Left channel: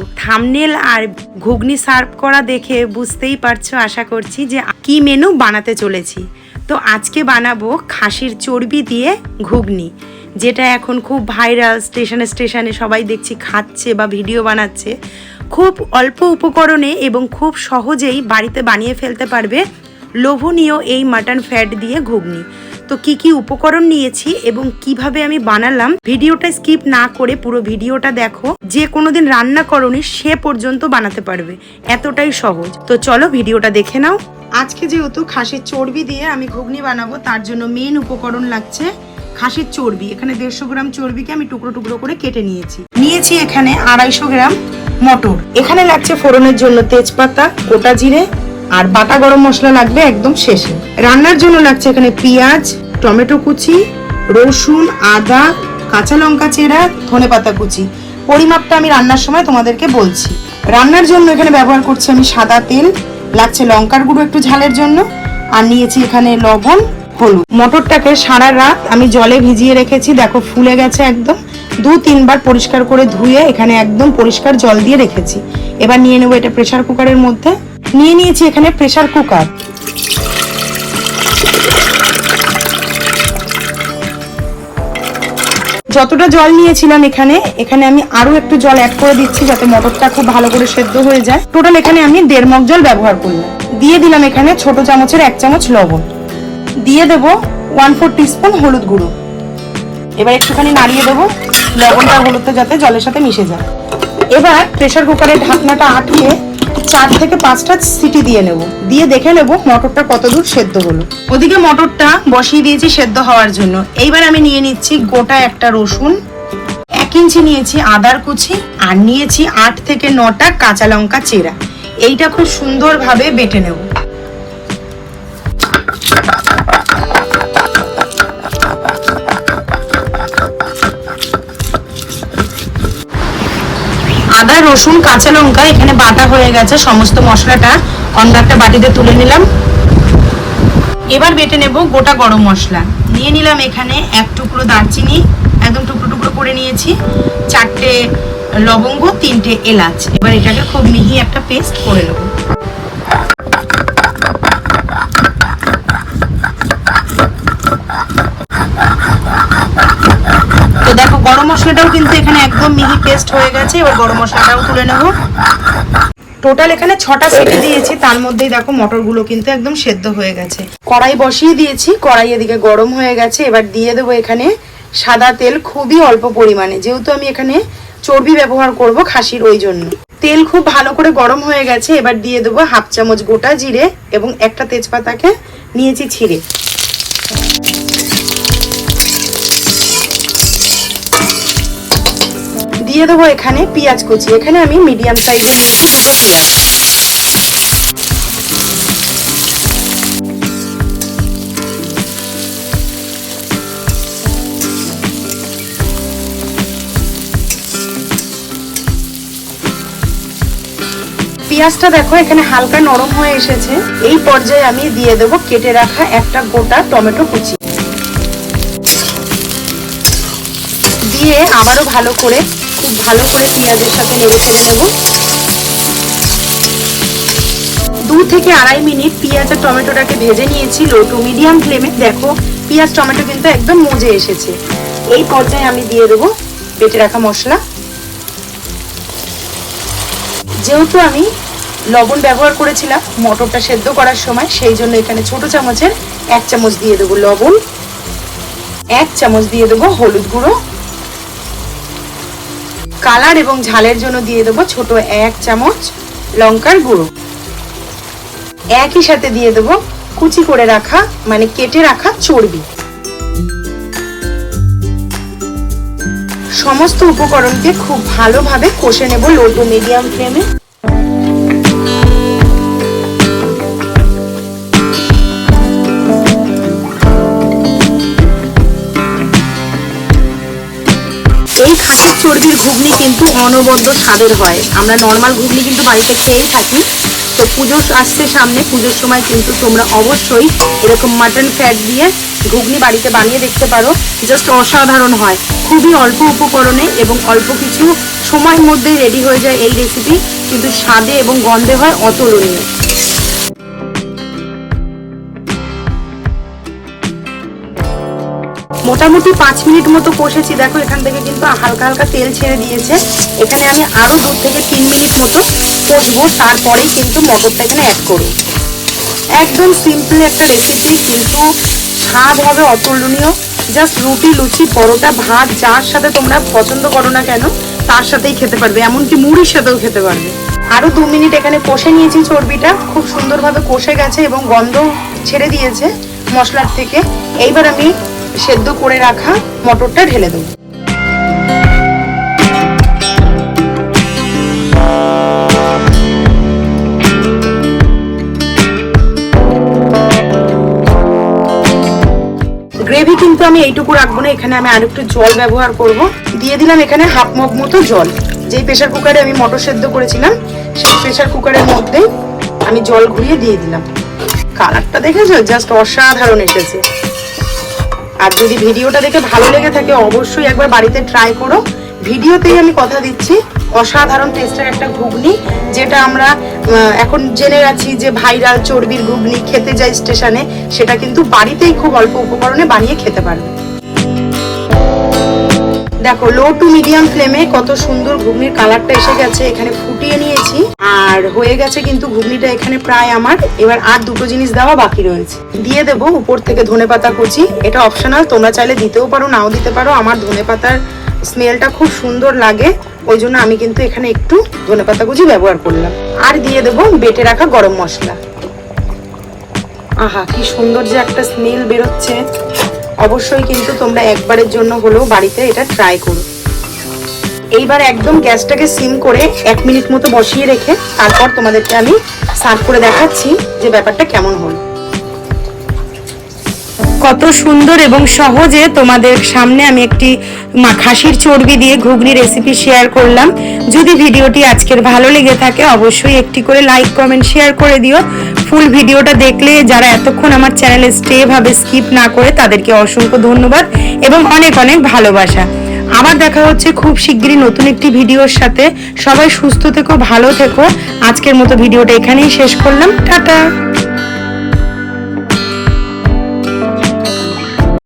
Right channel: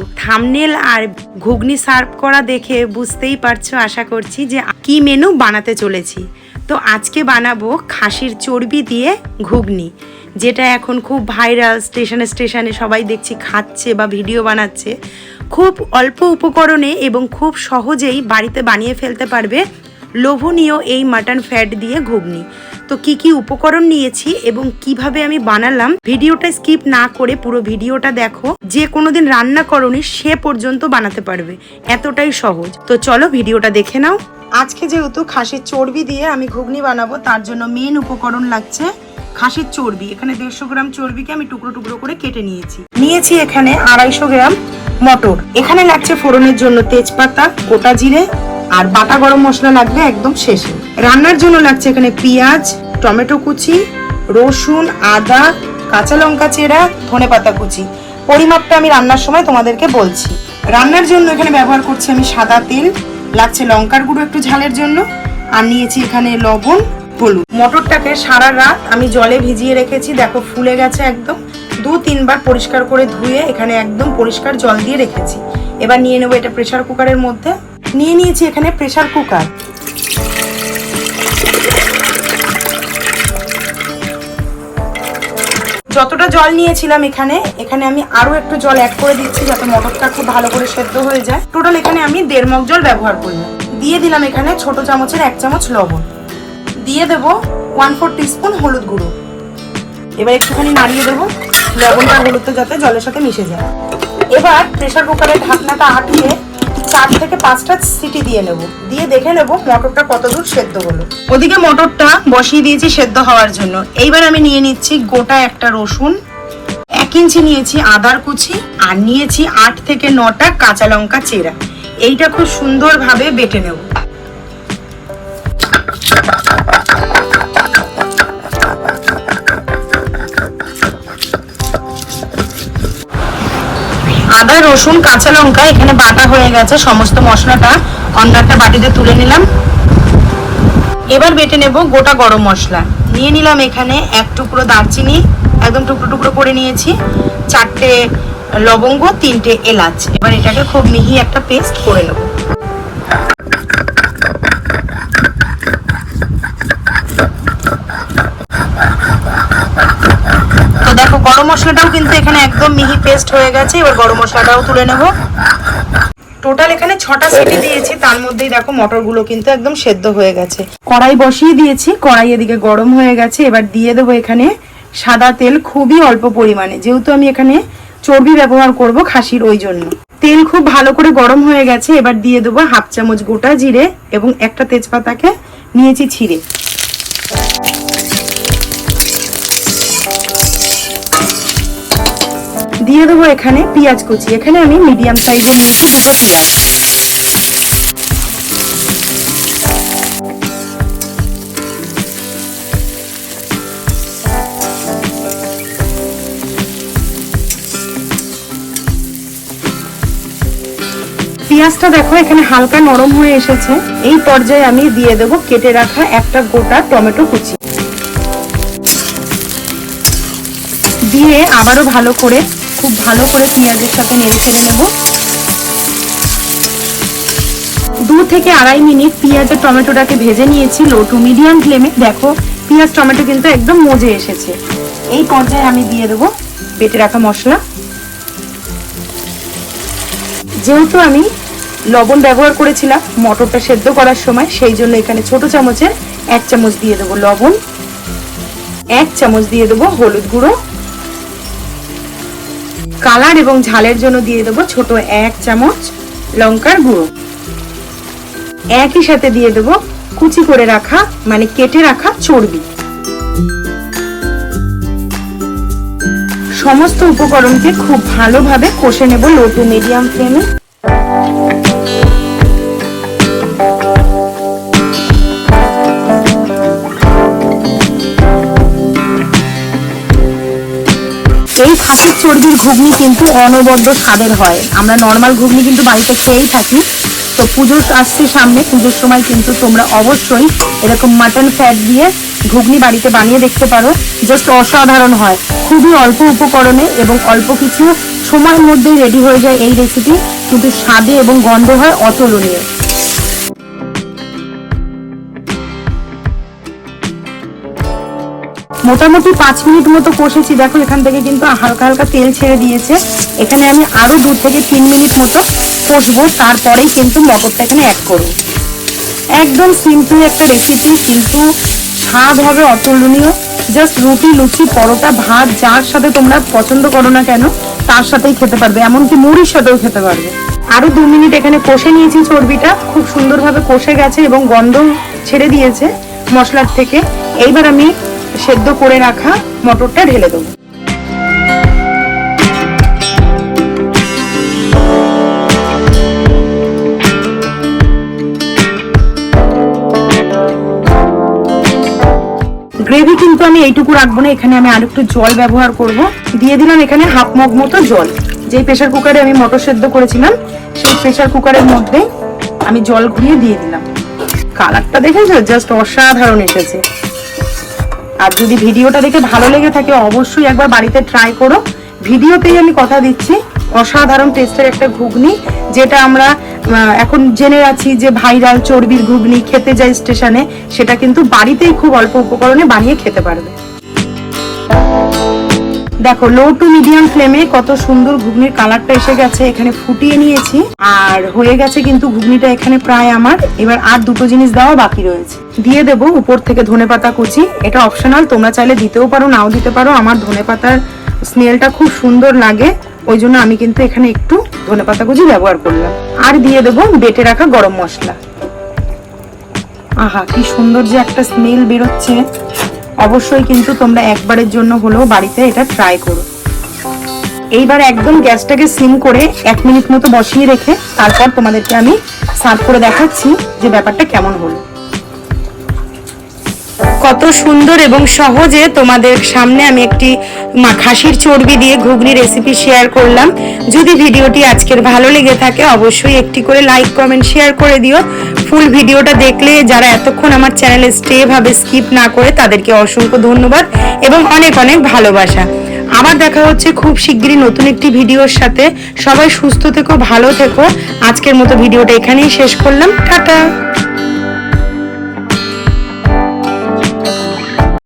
মতো। থাম্বনেল আর ঘুগনি সার্ভ করা দেখে বুঝতেই পারছো আশা করছি যে কি মেনু বানাতে চলেছি। তো আজকে বানাবো খাসির চর্বি দিয়ে ঘুগনি, যেটা এখন খুব ভাইরাল, স্টেশনে স্টেশনে সবাই দেখছি খাচ্ছে বা ভিডিও বানাচ্ছে। খুব অল্প উপকরণে এবং খুব সহজেই বাড়িতে বানিয়ে ফেলতে পারবে লোভনীয় এই মাটন ফ্যাট দিয়ে ঘুগনি। তো কি কি উপকরণ নিয়েছি এবং কিভাবে আমি বানালাম, ভিডিওটা স্কিপ না করে পুরো ভিডিওটা দেখো। যে কোনোদিন রান্না করনি সে পর্যন্ত বানাতে পারবে, এতটাই সহজ। তো চলো ভিডিওটা দেখে নাও। আজকে যেহেতু খাসির চর্বি দিয়ে আমি ঘুগনি বানাবো, তার জন্য মেন উপকরণ লাগছে খাসির চর্বি। এখানে 150 গ্রাম চর্বিকে আমি টুকরো টুকরো করে কেটে নিয়েছি এখানে 250 গ্রাম মটর। এখানে লাগছে ফোড়নের জন্য তেজপাতা, গোটা জিরে আর বাটা গরম মশলা লাগবে একদম শেষে। রান্নার জন্য লাগছে এখানে পেঁয়াজ, টমেটো কুচি, রসুন, আদা, কাঁচা লঙ্কা চেরা, ধনেপাতা কুচি। পরিমাপটা আমি রান্নার সময় তোমাদেরকে বলছি। রান্নার জন্য এখানে ব্যবহার করছি আমি সাদা তেল, লাগছে লঙ্কার গুঁড়ো একটু ঝালের জন্য, আর নিয়েছি এখানে লবণ, হলুদ। মটরটাকে সারা রাত আমি জলে ভিজিয়ে রেখেছি, দেখো ফুলে গেছে একদম। 2-3 বার পরিষ্কার করে ধুয়ে এখানে একদম পরিষ্কার জল দিয়ে রেখেছি। এবার নিয়ে নেবো এটা প্রেসার কুকারের মধ্যে। নিয়েছি এখানে প্রেসার কুকার। যতটা জল নিয়েছিলাম এখানে আমি আরো একটু জল অ্যাড করে দিচ্ছি, যাতে মটরটা খুব ভালো করে সেদ্ধ হয়ে যায়। টোটাল এখানে আমি 1.5 মগ জল ব্যবহার করব। দিয়ে দিলাম এখানে ছোট চামচের 1 চামচ লবণ। দিয়ে দেবো 1/4 টিস্পুন হলুদ গুঁড়ো। এবার একটুখানি নাড়িয়ে দেবো লবণটা হলুদটা যাতে জলের সাথে মিশে যায়। এবার প্রেসার কুকারের ঢাকনাটা আটকে 4 থেকে 5টা সিটি দিয়ে নেব। দিয়ে দেখে নেব মটরটা কতদূর সেদ্ধ হলো। ওদিকে মটরটা বসিয়ে দিয়েছি সেদ্ধ হওয়ার জন্য। এইবার আমি নিয়ে নিচ্ছি গোটা একটা রসুন, 1 ইঞ্চি নিয়েছি আদার কুচি, আর নিয়েছি 8 থেকে 9টা কাঁচা লঙ্কা চেরা। এইটা খুব সুন্দরভাবে বেটে নেব। আদা, রসুন, কাঁচা লঙ্কা এখানে বাটা হয়ে গেছে। সমস্ত মশলাটা অন্য একটা বাটিতে তুলে নিলাম। এবার বেটে নেব গোটা গরম মশলা। নিয়ে নিলাম এখানে 1 টুকরো দারচিনি, একদম টুকরো টুকরো করে নিয়েছি, 4টে লবঙ্গ, 3টে এলাচ। এবার এটাকে খুব মিহি একটা পেস্ট করে নেব। তো দেখো গরম মশলাটাও কিন্তু এখানে একদম মিহি পেস্ট হয়ে গেছে। এবার গরম মশলাটাও তুলে নেব। টোটাল এখানে 6টা সিটি দিয়েছি, তার মধ্যেই দেখো মটরগুলো কিন্তু একদম সেদ্ধ হয়ে গেছে। কড়াই বসিয়ে দিয়েছি, কড়াই এদিকে গরম হয়ে গেছে। এবার দিয়ে দেবো এখানে সাদা তেল, খুবই অল্প পরিমাণে, যেহেতু আমি এখানে চর্বি ব্যবহার করব খাসির, ওই জন্য। তেল খুব ভালো করে গরম হয়ে গেছে। এবার দিয়ে দেবো 1/2 চামচ গোটা জিরে এবং একটা তেজপাতাকে নিয়েছি ছিঁড়ে। দিয়ে দেবো এখানে পেঁয়াজ কুচি। এখানে আমি মিডিয়াম সাইজের নিয়েছি 2টো পেঁয়াজ। পেঁয়াজটা দেখো এখানে হালকা নরম হয়ে এসেছে। এই পর্যায়ে আমি দিয়ে দেবো কেটে রাখা একটা গোটা টমেটো কুচি। দিয়ে আবারও খুব ভালো করে পেঁয়াজের সাথে নেড়ে চেড়ে নেব। 2 থেকে 2.5 মিনিট পেঁয়াজ আর টমেটোটাকে ভেজে নিয়েছি লো টু মিডিয়াম ফ্লেমে। দেখো পেঁয়াজ টমেটো কিন্তু একদম মজে এসেছে। এই পর্যায়ে আমি দিয়ে দেবো বেটে রাখা মশলা। যেহেতু আমি লবণ ব্যবহার করেছিলাম মটরটা সেদ্ধ করার সময়, সেই জন্য এখানে ছোট চামচের 1 চামচ দিয়ে দেবো লবণ, 1 চামচ দিয়ে দেবো হলুদ গুঁড়ো, কালার এবং ঝালের জন্য দিয়ে দেবো ছোট 1 চামচ লঙ্কার গুঁড়ো। একই সাথে দিয়ে দেবো কুচি করে রাখা মানে কেটে রাখা চর্বি। সমস্ত উপকরণকে খুব ভালোভাবে কষে নেব লো টু মিডিয়াম ফ্লেমে। এই খাসির চর্বির ঘুগনি কিন্তু অনবদ্য স্বাদের হয়। আমরা নর্মাল ঘুগনি কিন্তু বাড়িতে খেয়েই থাকি। তো পুজো আসছে সামনে, পুজোর সময় কিন্তু তোমরা অবশ্যই এরকম মাটন ফ্যাট দিয়ে ঘুগনি বাড়িতে বানিয়ে দেখতে পারো। জাস্ট অসাধারণ হয়, খুবই অল্প উপকরণে এবং অল্প কিছু সময়ের মধ্যেই রেডি হয়ে যায় এই রেসিপি, কিন্তু স্বাদে এবং গন্ধে হয় অতুলনীয়। মোটামুটি 5 মিনিট মতো কষেছি। দেখো এখান থেকে কিন্তু হালকা হালকা তেল ছেড়ে দিয়েছে। এখানে আমি আরো 2 থেকে 3 মিনিট মতো কষবো, তারপরেই কিন্তু মটরটা এখানে অ্যাড করব। একদম সিম্পল একটা রেসিপি, কিন্তু স্বাদ হবে অতুলনীয়। জাস্ট রুটি, লুচি, পরোটা, ভাত যার সাথে তোমরা পছন্দ করো না কেন তার সাথেই খেতে পারবে, এমনকি মুড়ির সাথেও খেতে পারবে। আরো 2 মিনিট এখানে কষে নিয়েছি। চর্বিটা খুব সুন্দরভাবে কষে গেছে এবং গন্ধ ছেড়ে দিয়েছে মশলার থেকে। এইবার আমি সেদ্ধ করে রাখা মটরটা ঢেলে দেবো। গ্রেভি কিন্তু আমি এইটুকু রাখবো না, এখানে আমি আরেকটু জল ব্যবহার করব। দিয়ে দিলাম এখানে হাফ মগ মতো জল। যেই প্রেসার কুকারে আমি মটর সেদ্ধ করেছিলাম সেই প্রেসার কুকারের মধ্যে আমি জল ঘুরিয়ে দিয়ে দিলাম। কালারটা দেখেছো, জাস্ট অসাধারণ এসেছে। আর যদি ভিডিওটা দেখে ভালো লেগে থাকে অবশ্যই একবার বাড়িতে ট্রাই করো। ভিডিওতেই আমি কথা দিচ্ছি, অসাধারণ টেস্টের একটা ঘুগনি, যেটা আমরা এখন জেনে আছি যে ভাইরাল চর্বির ঘুগনি খেতে যাই স্টেশনে, সেটা কিন্তু বাড়িতেই খুব অল্প উপকরণে বানিয়ে খেতে পারবে। দেখো লো টু মিডিয়াম ফ্লেমে কত সুন্দর ঘুগনির কালারটা এসে গেছে। এখানে ফুটিয়ে নিয়েছি আর হয়ে গেছে কিন্তু ঘুগনিটা এখানে প্রায় আমার। এবার আর 2টো জিনিস দেওয়া বাকি রয়েছে। দিয়ে দেবো উপর থেকে ধনেপাতা কুচি। এটা অপশনাল, তোমরা চাইলে দিতেও পারো নাও দিতে পারো। আমার ধনেপাতার স্মেলটা খুব সুন্দর লাগে, ওই জন্য আমি কিন্তু এখানে একটু ধনেপাতা কুচি ব্যবহার করলাম। আর দিয়ে দেবো বেটে রাখা গরম মশলা। আহা কি সুন্দর যে একটা স্মেল বেরোচ্ছে। অবশ্যই কিন্তু তোমরা একবারের জন্য হলেও বাড়িতে এটা ট্রাই করো। এইবার একদম গ্যাসটাকে সিম করে 1 মিনিট মতো বসিয়ে রেখে তারপর তোমাদেরকে আমি সার্ভ করে দেখাচ্ছি যে ব্যাপারটা কেমন হলো। কত সুন্দর এবং সহজে তোমাদের সামনে আমি একটি খাসির চর্বি দিয়ে ঘুগনি রেসিপি শেয়ার করলাম। যদি ভিডিওটি আজকের ভালো লেগে থাকে অবশ্যই একটি করে লাইক, কমেন্ট, শেয়ার করে দিও। ফুল ভিডিওটা দেখলে যারা এতক্ষণ আমার চ্যানেলে স্টে ভাবে স্কিপ না করে তাদেরকে অসংখ্য ধন্যবাদ এবং অনেক অনেক ভালোবাসা। আবার দেখা হচ্ছে খুব শিগগিরই নতুন একটি ভিডিওর সাথে। সবাই সুস্থ থেকো, ভালো থেকো। আজকের মতো ভিডিওটা এখানেই শেষ করলাম। টাটা।